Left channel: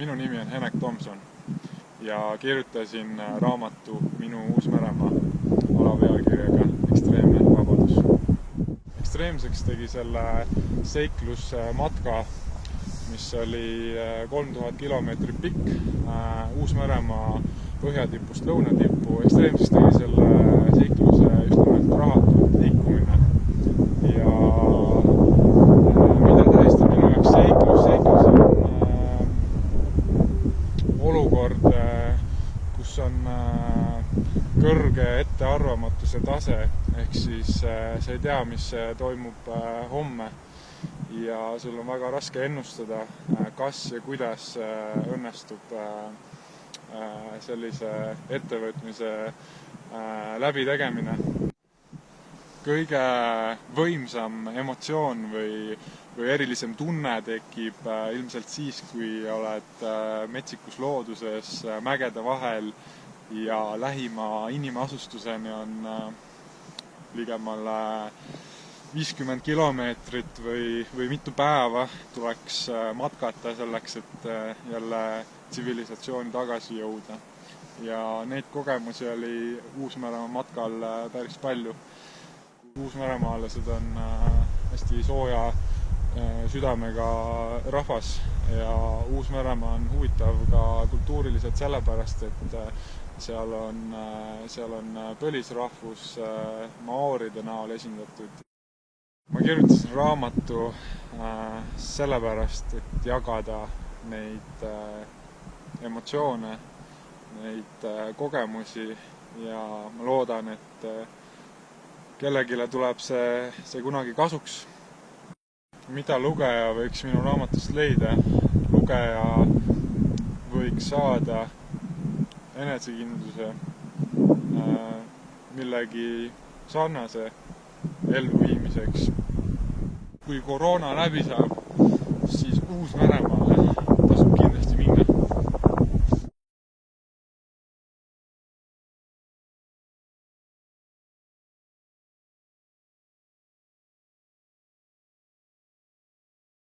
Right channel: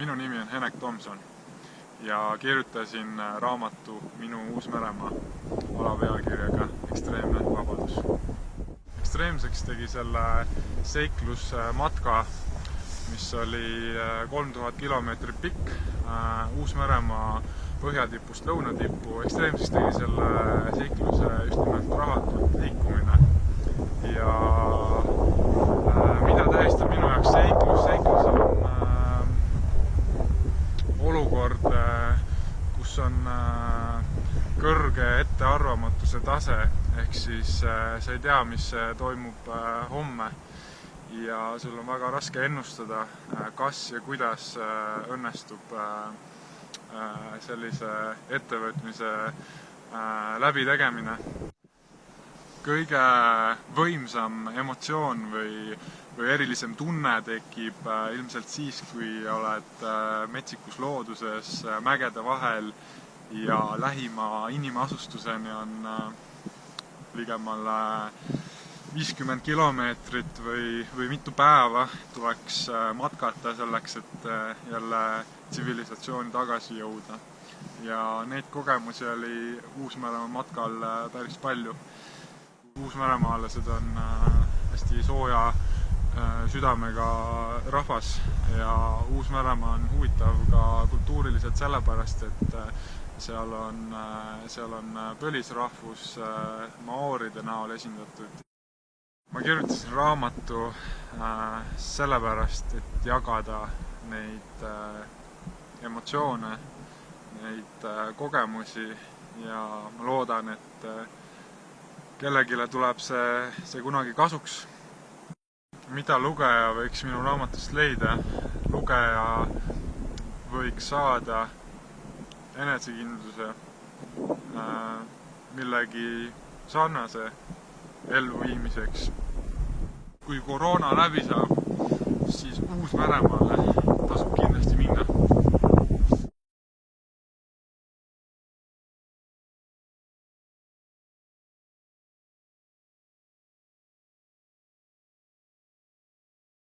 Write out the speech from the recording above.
Minu nimi on Henek Tomson ja kirjutasin raamatu Minu Uus-Meremaa alapealkirjaga Ekstreemne vabadus. Ekstreemseks tegi selle seiklusmatka, mis oli 3000 kilomeetrit pikk Uus-Meremaa põhjatipust lõunatippu. Ekstreemseks tegi selle seikluse just nimelt rahatult liikumine. Ja mida tähistab minu jaoks seiklus? Seiklus on olukord, kus on kõrge ettearvamatuse tase, ehk siis sa ei tea, mis toimub homme ja sul on väga raske ennustada, kas ja kuidas õnnestub sellise ettevõtmise läbitegemine. Kõige võimsam emotsioon või erilisem tunne tekib ilmselt siis, kui oled metsikus looduses, mägede vahel ja lähima inimasustuseni on ligemale 50 kilomeetrit või mitu päeva tuleks matkata selleks, et jälle tsivilisatsiooni tagasi jõuda. Ja neid kogemusi oli Uus-Meremaa matkal päris palju. Uus-Meremaalased on hästi sooja südamega rahvas ja Uus-Meremaa on huvitav ka kultuuriliselt sellepärast, et seal on põlisrahvus maooride näol esindatud. Ma kirjutasin raamatu sellepärast, et jagada neid emotsioone, neid kogemusi ja ma loodan, et kellegile tuleb see kunagi kasuks. Mida lugeja võiks minu raamatust leida? Lugeja võiks saada enesekindluse millegi sarnase elluviimiseks. Kui koroona läbi saab, siis Uus-Meremaale tasub kindlasti minna.